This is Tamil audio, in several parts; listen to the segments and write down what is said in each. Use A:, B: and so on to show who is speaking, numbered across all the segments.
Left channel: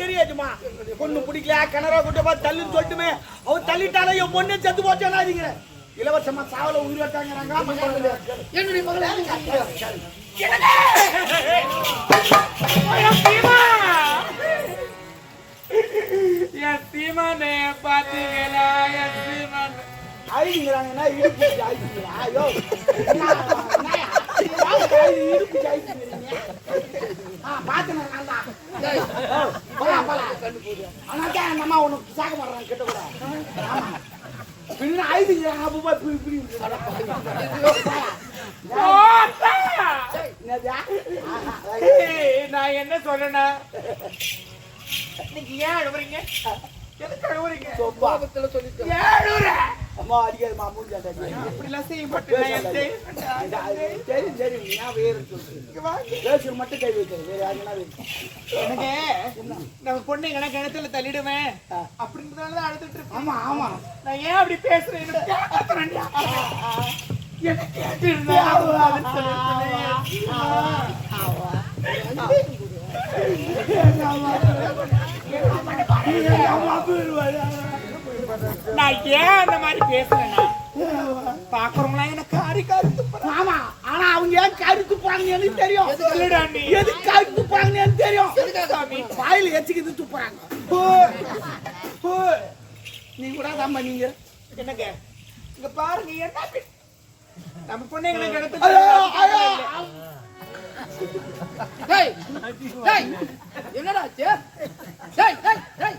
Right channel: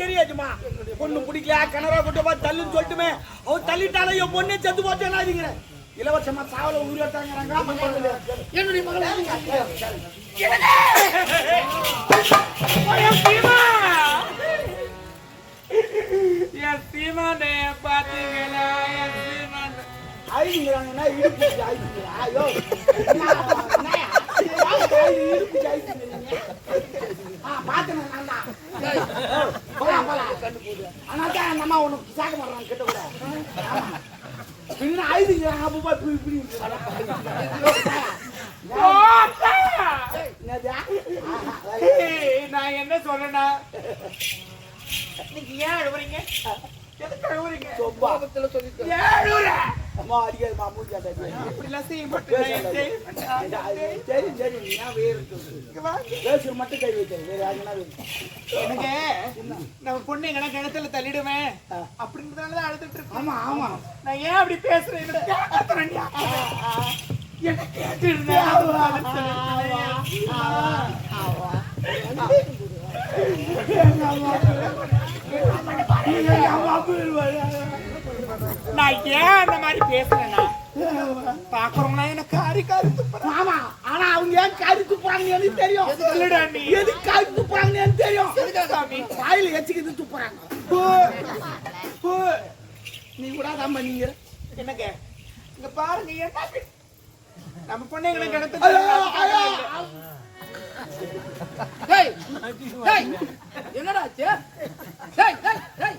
A: தெரியாதுமா பொண்ணு பிடிக்கல கிணறா கொண்டு போய் தள்ளுன்னு சொல்லிட்டுமே. அவர் தள்ளிட்டாலும் என் பொண்ணே செத்து போச்சேன்னா திங்கிறேன் இலவசமா சாவல உயிரிழத்தாங்கிறாங்க
B: என்னுடைய மகளை.
C: என் சீமானே பாத்தீங்களா? என் சீமான்.
A: இடுப்பு ஐயோ. இடுப்பு? பார்த்தேனே நான் தான். போலாம், போலாம். அதனால தான் எங்க அம்மா உனக்கு சாக்க மாட்றாங்க கிட்ட கூட. ஆமா. பின்ன ஐடிங்கிறாங்க அப்போ போய் இப்படி இப்படி
C: நான் என்ன சொல்றேன்னா நீங்க ஏன் அழுவுறீங்க? எதுக்கு அழுவுறீங்க?
B: சொல்லிட்டு
A: அம்மா அடிக்காதும்மா, மூஞ்சி.
C: அப்படிலாம் செய்ய மாட்டேன். நான்.
A: சரி சரி நீ ஏன் வேறு. பேசுற மட்டும் கை வைக்கிறது வேற யாருன்னா
C: எனக்கு நம்ம பொண்ணு எங்கன்னா கிணத்துல தள்ளிடுவேன். அப்படின்றதுனாலதான் அழுதுட்டு இருக்கேன்.
A: ஆமா ஆமா.
C: நான் ஏன் அப்படி பேசுறேன்? எனக்கு கேட்க வேண்டியா? நான் ஏன் அந்த மாதிரி பேசுறேன்னா பாக்குறவங்களா எனக்கு காரி காரி
A: ஆமா ஆனா அவங்க ஏன் காரி துப்புறாங்கன்னு எனக்கு தெரியும்
C: எது நீ.
A: காரி துப்புறாங்கன்னு எனக்கு தெரியும் வாயில எச்சிக்கிது துப்புறாங்க நீ கூட தான் பண்ணீங்க
C: என்னங்க இங்க பாருங்க என்ன நம்ம
A: பொண்ணுங்களை கிடைத்து
B: டேய் டேய் என்னடா ஆச்சு டேய் டேய் டேய்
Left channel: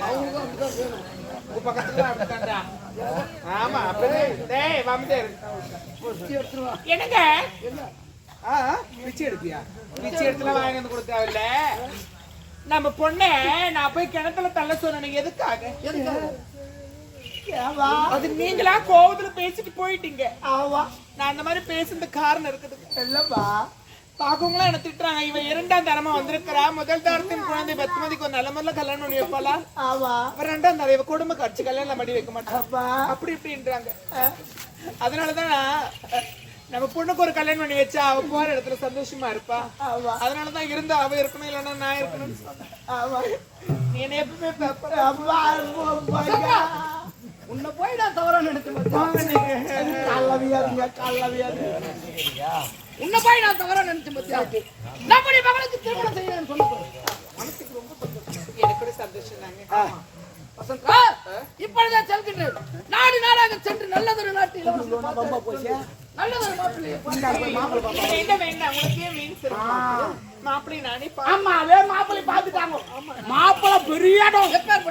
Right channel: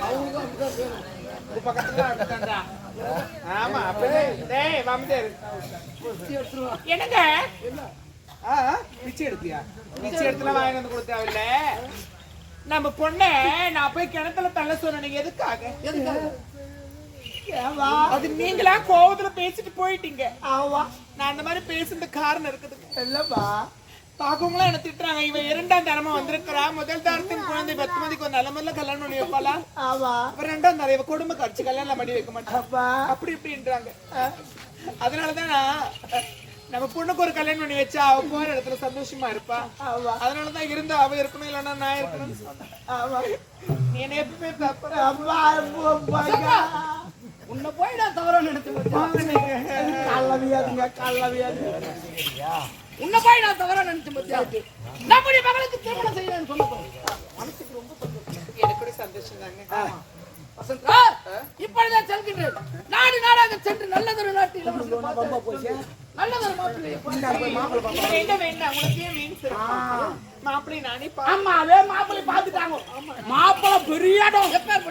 B: அவங்களுக்கும் அப்படிதான் வேணும்
C: உங்க பக்கத்துல தான் அப்படித்தான்டா. ஆமா அப்படியே டேய்
B: எடுத்துருவா
C: என்னங்க?
B: என்ன
C: ஆ பிச்சை எடுப்பியா? பிச்சை எடுத்துல வாங்கி வந்து கொடுத்தாவில்ல நம்ம பொண்ணை நான் போய் கிணத்துல தள்ள சொன்னேன் எதுக்காக?
B: எதுக்காக
C: அது நீங்களா கோவத்துல பேசிட்டு போயிட்டீங்க.
A: ஆவா.
C: நான் அந்த மாதிரி பேசுறது காரணம் இருக்குது.
A: இல்லப்பா.
C: பாக்கவங்களாம் என்ன திட்டுறாங்க. இவன் இரண்டாம் தரமா வந்திருக்கிறா. முதல் தரத்தின் குழந்தை பத்துமதிக்கு ஒரு நல்ல முதல்ல கல்யாணம் பண்ணி வைப்பாளா? அப்புறம் ரெண்டாம் தரம் இவ குடும்ப காட்சி கல்யாணம் பண்ணி வைக்க மாட்டான்
A: அப்பா.
C: அப்படி இப்படின்றாங்க. அதனாலதான் நம்ம பொண்ணுக்கு ஒரு கல்யாணம் பண்ணி வச்சா அவ போற இடத்துல சந்தோஷமா இருப்பா.
A: ஆவா
C: அதனாலதான் இருந்தா அவ இருக்கணும் இல்லைன்னா நான் இருக்கணும்னு சொன்னேன் நீ என்ன எப்பவுமே
B: உன்னை போய் நான் தவறா நினைச்சு மச்சான்.
A: கள்ளவியாதுங்க கள்ளவியாதுங்க
B: உன்னை போய் நான் தவறா நினைச்சு மத்தியா நம்முடைய மகளுக்கு திருமணம் செய்யணும்னு சொன்ன. மனசுக்கு ரொம்ப சந்தோஷம்.
C: எனக்கு சந்தோஷம் தாங்க.
B: வசந்தா இப்பொழுதே செல்கின்றேன். நாடு நாடாக சென்று நல்லதொரு நாட்டு நல்லதொரு
C: மீன்ஸ் மாப்பிள்ளை நானே பா
A: ஆமா அதே மாப்பிள்ளை பாத்துட்டாங்க மாப்பிள்ளை பெரிய இடம்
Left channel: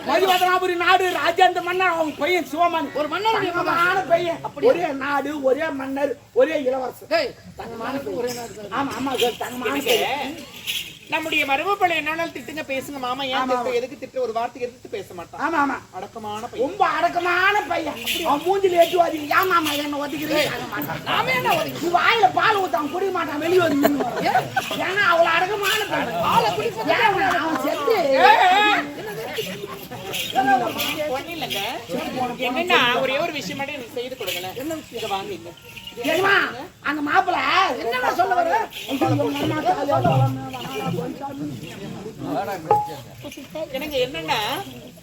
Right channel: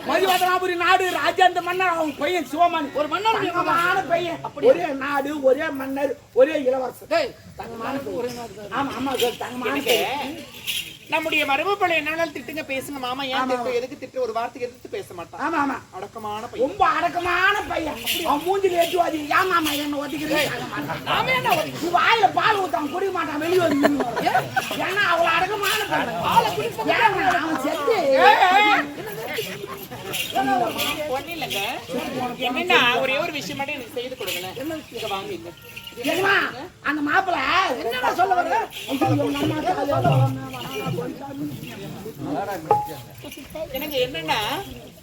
A: மதிவதனாபுரி நாடு ராஜேந்திர மன்னர் அவங்க பையன் சிவமணி
B: ஒரு.
A: தங்கமான பையன். ஒரே நாடு ஒரே மன்னர் ஒரே இளவரசர். தங்கமான.
B: ஒரே நாடு.
A: ஆமா ஆமா சார் தங்கமான
C: நம்முடைய மரபு பழைய என்ன வேணாலும் திட்டுங்க பேசுங்க மாமா. ஏன் எதுக்கு திட்டு? ஒரு வார்த்தை எதிர்த்து பேச மாட்டான்.
A: ஆமா ஆமா.
C: அடக்கமான பையன்.
A: ரொம்ப அடக்கமான பையன். அவன் மூஞ்சில ஏற்றுவாதி ஏன் மாமா என்ன ஒதுக்கிறீங்க
B: நாம என்ன ஒதுங்கி
A: நீ வாயில பால் ஊத்தான் குடிக்க மாட்டான் வெளியே வந்து. ஏன்னா அவ்வளவு அடக்கமான பையன்.
B: பாலை குடிப்பது
A: ஏன் அவன் செத்து.
C: ஒண்ணு இல்லைங்க என்னன்னா ஒரே ஒரு விஷயம் மட்டும் எனக்கு செய்து கொடுங்களேன். என்ன விஷயம்? வாங்க
A: அந்த மாப்பிள்ள
B: என்னடா சொல்ல வர
C: எனக்கு என்னன்னா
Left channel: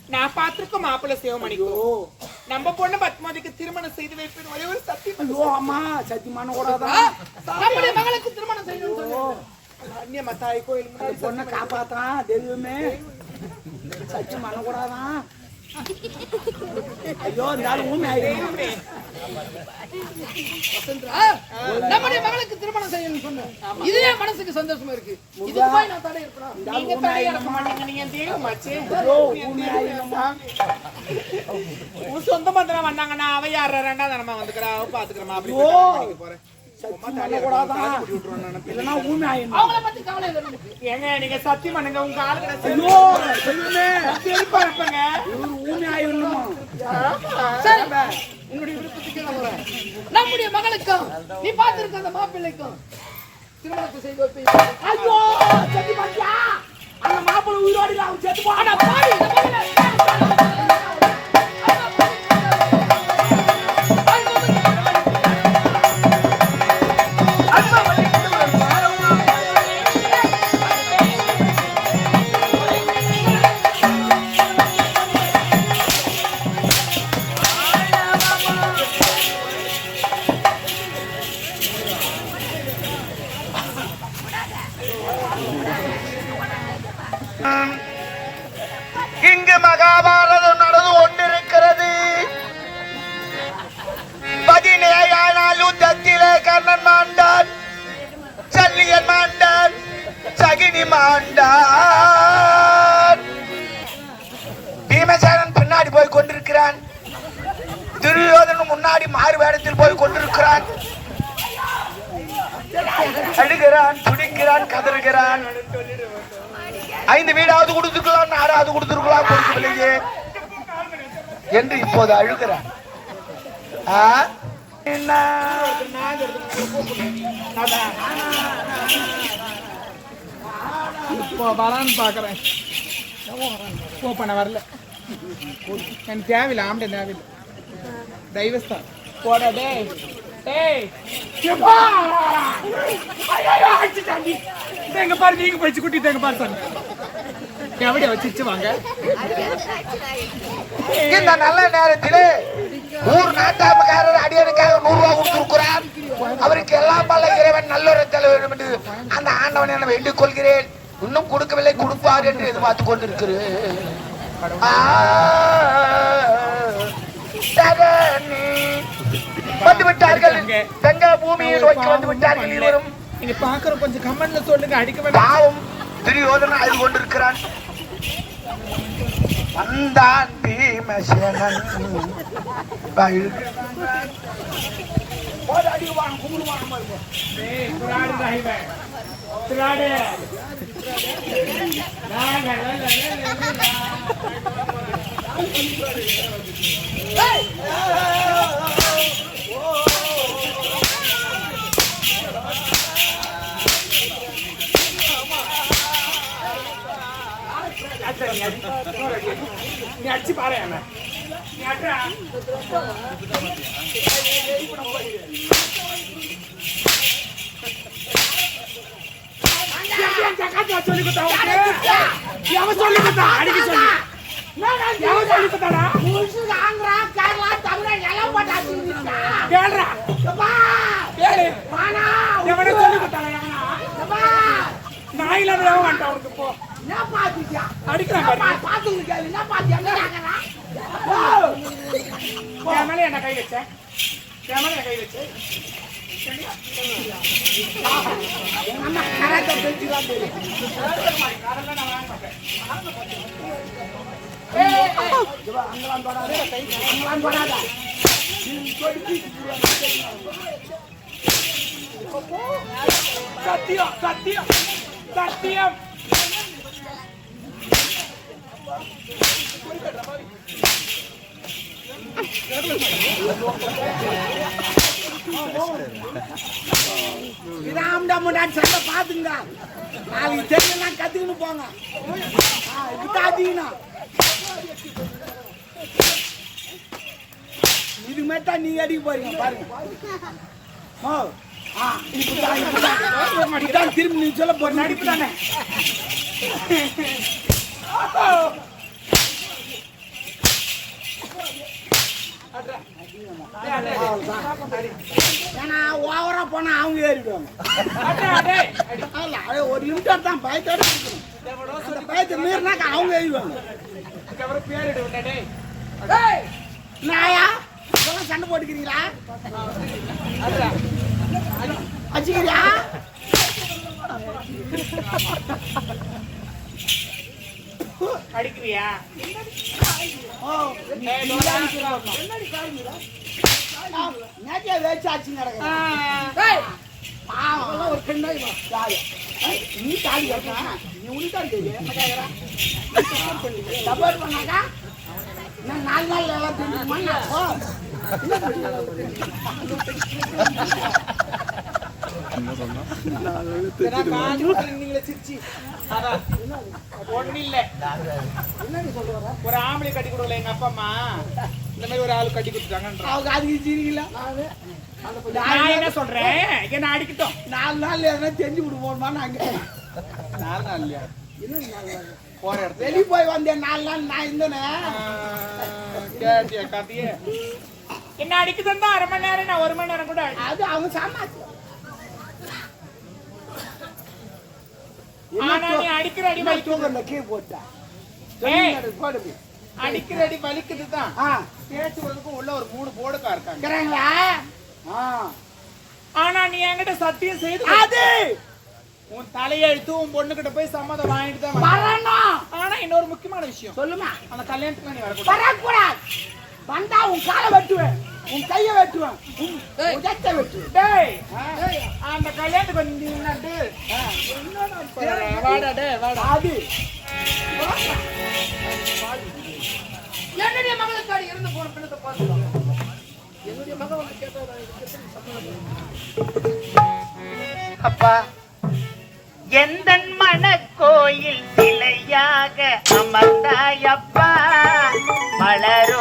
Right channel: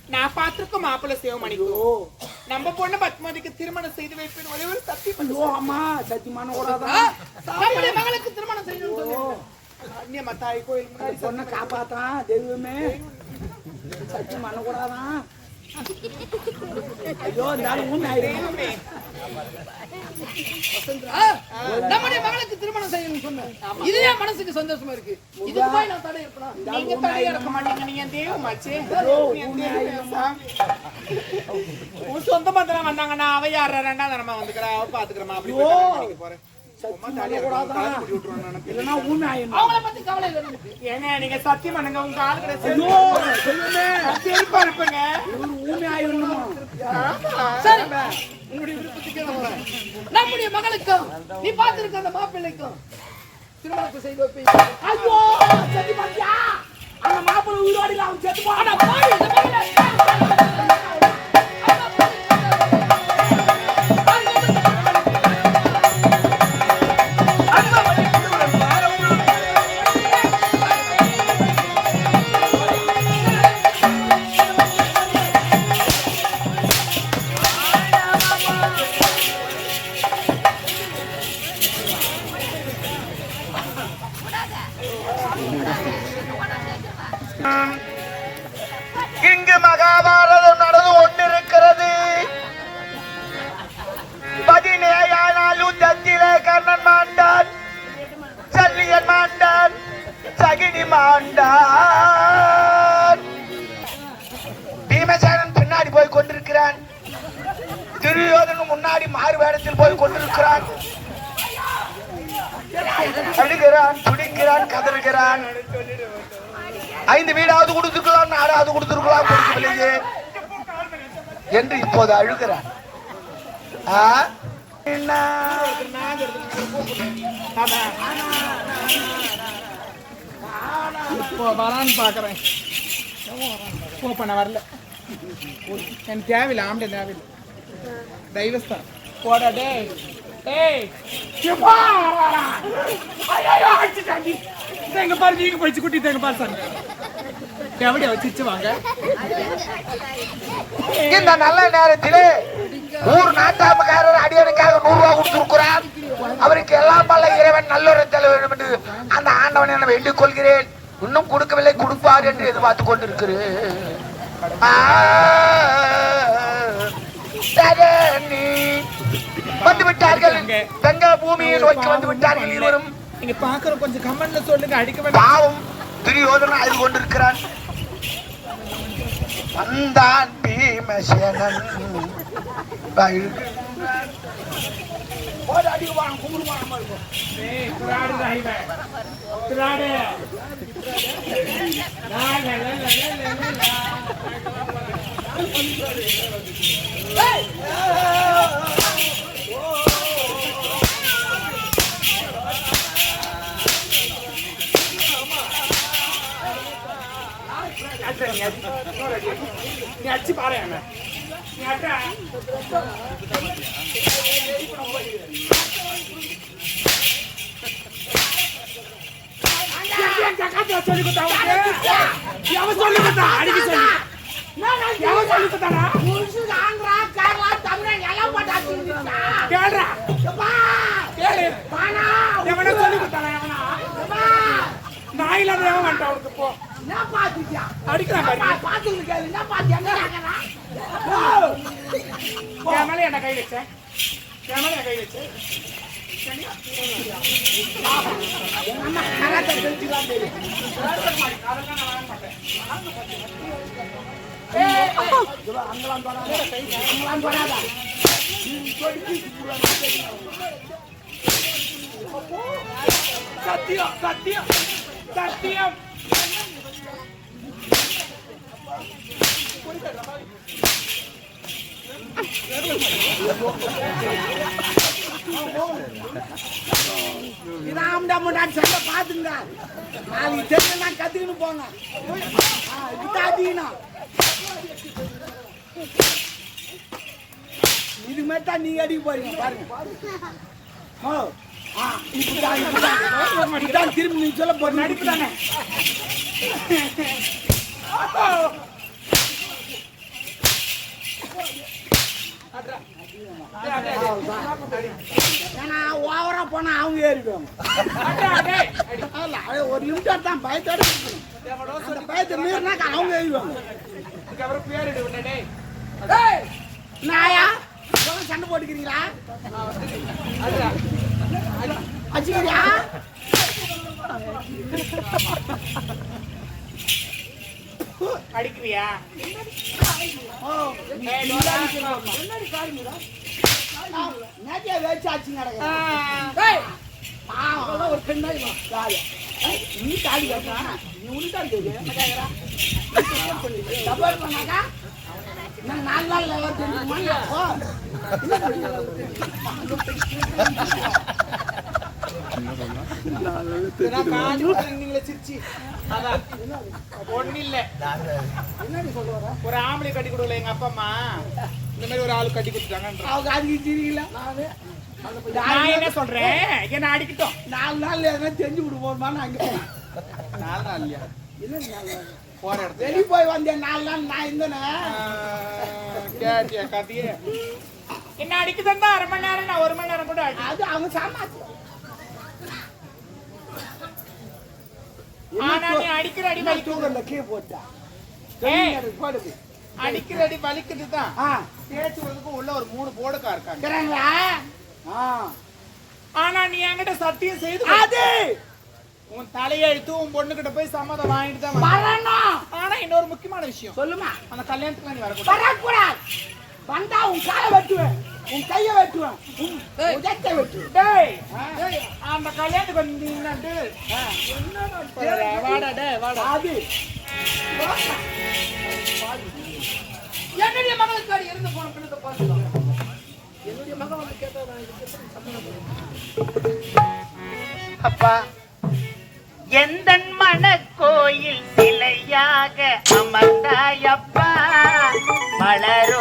C: நான் பார்த்திருக்க மாப்பிள்ளை சிவமணிக்கும் நம்ம பொண்ணு பத்மாதிக்கு திருமணம் செய்து வைப்பேன் ஒரே ஒரு சத்தியம்
A: அம்மா சத்தியமான
B: நம்முடைய மகளுக்கு திருமணம் செய்யணும்னு சொல்லி
C: அந்நிய மத்தாய் கோயில் முன்னாடி
A: பொண்ணை காப்பாத்தான் தெய்வமே. சத்தியம் பண்ணக்கூடாதான் ஐயோ இருந்தாலும் ஊமை ஆயிடும்
B: நம்முடைய மகளுக்கு திருமணம் செய்யணும்னு சொன்னேன். இதுவே மனசுக்கு சந்தோஷமா இருக்கு. இதுக்கு போய் நான் தடை இருப்பேனா?
C: நீங்க இருக்க மாட்டீங்க தெய்வமாச்சு. சொந்த மந்திரம் வந்தாங்கன்னா அவ யார ரெண்டாவது நம்ம வந்துக்கிறா அவ பாத்துக்கிறமா அப்படி போறேன்.
B: அவங்கள பத்தி கவலை இல்லை நமக்கு.
C: ஏங்க நீங்க சத்தியம் பண்ணுங்க உங்க ஆளு
B: உன்னுடைய விருப்பத்துக்கு நான் வரேன். நம்முடைய மகளுக்கும் நீ பார்த்திருக்க அந்த மாப்பிள்ளைக்கும் திருமணத்தை செய்து வைப்பீங்க.
A: ஐயோ, செத்து பாத்தியா? அந்த மாப்பிள்ளை உயிரோடு இல்ல, அவன் செத்து போனான்.
B: ஆனா
D: கதறுகிறான். ஐந்து வீடாவது கொடுத்துருக்கலாம் நாலாவது கொடுத்துருக்கலாம் கொடுக்கலையே என்று இப்போது அழுகிறான். ஆ? என்ன?
C: இப்போ வரான்னு பாக்குறேன் போ பண்ண வரல. எனக்கு தேவையில்லை ஆம்பளை தேவையில்லை. தெய்வஸ்தான் போடா டேய் எப்பா ஐயோ தேங்க பாரு நீங்க போயிச்சு குட்டி தேங்க பாரு சாமி. எவடியா வச்சிச்சு வாங்க?
D: இந்த நல்ல நேரத்திலே ஊர் நாட்டாமக்காரர் அடியனுக்காக நூறு ரூபாய் கொடுத்திருக்கிறான் அவருக்கு எல்லாம் பல்ல இறைவன் நல்லொரு தலைவர் என்று அந்த ஆண்டவனை நான் வேண்டிக் கொள்கிறேன் இன்னும் கொடுக்கவில்லை கொடுப்பார் என்று எதிர்பார்த்து கொண்டிருக்கிறேன். வந்து விட்டார்கள். கங்கா பூமியை
C: ஒரு
D: நோக்கி வந்து விட்டார்கள் இருவரும்.
C: நீங்க பாக்குற கொஞ்சம் கமெண்ட்ல சொல்லுங்க அடிக்க வேண்டாம்
D: பாவம் துரியோதனன் அழுது கொண்டிருக்கிறான். வந்தான் பீமசேனன்.
C: டேய் பிராடு ராய்வே பிராடு. லா லா லா லா லா லா நீ அடிச்சு பாரு என்ன நீ அட்ரா சொல்லி கொடுத்தா எவன் சொல்லி கொடுத்தா அடிக்க சொல்லி எவன் சொல்லி கொடுத்தாடா
A: ஆந்திரா, கேரளா, தமிழ் எல்லாம்
C: கேளு சொல்லி கொடுத்தாடா எவனா அவனுக்கு போ
A: என்ன பாத்துட்டியா?
C: அடிக்கிறான் பாரு.
A: பாத்துக்கிட்டு கேளு, என்ன பாத்து, எங்க கேக்குறா?
C: என் மேல என்ன கை வச்ச மேல என் கை வச்ச
A: எங்க அம்மா கராத்தே தெரிஞ்சுதான் தெரியும்.
C: அதெல்லாம் நான் வாங்க மாட்டேன்
A: இவ அங்கெல்லாம் தொடாத. அங்கெல்லாம் தொடாத.
C: சத்தியம் சத்தியம் சத்தியம்
A: இதான் முன்னாடி சொல்ல பாத்துங்க. நாளைக்கு தெரியலன்னா கத்துக்கின்னு போங்க. பாத்தீங்கன்னா. தான் நீங்க அடிக்க போறீங்க பாருங்க. ஓ ஆ இப்படிதான் இப்படிதான். திரும்பி நீ சொல்ல போற
C: நடிப்பு தானே
A: ஓவரா போனா அவங்க ஏறிடுவாங்க. ஒரு லிமிட்டர் தான் பயத்தோட அந்த பயத்தை மீறினாக்க அவங்க ஏறிடுவாங்க. நாயா? சண்டை போட்டுக்கிறீங்களா?
C: அதுடா. அடிக்கிறியா.
A: என்னடி காரியம் நேத்தியா வேச்சு ஆச்சு
B: அதெல்லாம் ஒரு பெண்ணாய் வா
A: நீ? தாலி நீ என்ன கேக்குறா சப்போர்ட் பண்ணாக்கா இன்னும் நாலு நாள் எல்லாம் தெரிஞ்சுமா அப்போ
C: நீங்களே சிரிச்சு அதான் ஒண்ணு இல்ல
A: என்னடி சொல்லுவாங்க
C: ஒரு ஆம்பளை கட்டி கொடுக்கல எங்க அப்பா அம்மா இந்த மாதிரி ஒரு ஆளு கட்டி கொடுத்துட்டாங்கன்ற
A: அவங்க அதுக்கு சிரிக்கல நானு
C: நான் என்ன சொல்றேன் என்ன அடிக்கட்டும்
A: நாலு நாள் எதனா தெரிஞ்சு விடுவோமா நாங்க
C: நாலு நாள் இல்லையா
A: என்ன நாலு நாள்
C: போற இடத்துல
A: வெளியே போய் வந்தேன் நாலு நாள் நான் இருந்தேனே
C: கேட்டியா காப்பியே என்ன அடிக்குதுன்னா அரை மணி நேரம் நான் ஒரு மணி நேரம் கூட
A: அது அவங்க சாமாச்சு. தூக்கல கீழே போட்டா. போடுது
C: அடிக்கிற அடி வலிக்குது தான். விடுறதுக்கு உள்ள ஒரு மூணு போடுக்கா இருக்காங்க. ஆனா நீ என்கிட்ட சத்தியம் செய்து.
A: அது!
C: உன் தலையெழுத்து உன் பொண்ணுகிட்ட போய் சம்மதம் வாங்கிட்டு தான்.
A: வரணும்!
C: ஆனா இன்னொரு முக்கியமான விஷயம்.
A: சொல்லுமா?
C: அந்த கல்யாணத்துக்கு நீ வரக்கூடாது.
A: வரக்கூடாது. வந்தா உன் காலை வெட்டுவேன். உன் கையை வெட்டுவேன். உன்
B: ஏய்.
A: உதட்டை வெட்டுவேன்.
C: டேய்.
A: ஆ.
C: அந்த கல்யாணத்துக்கு வந்தீங்கன்னாட்டு வாடா டேய் வாடா
A: அது.
B: என்னுடைய மகளுக்காடி இருந்து போன பெண்ணத்தை பார்த்து என்னுடைய மகன் வந்து கேட்டா நான் இதுக்கு எப்படி சம்மதம் பண்ணுவேன்?
E: அப்பா எந்த மனக்கோயில் சிலையாக அமர்ந்தாயப்பா மலரோடு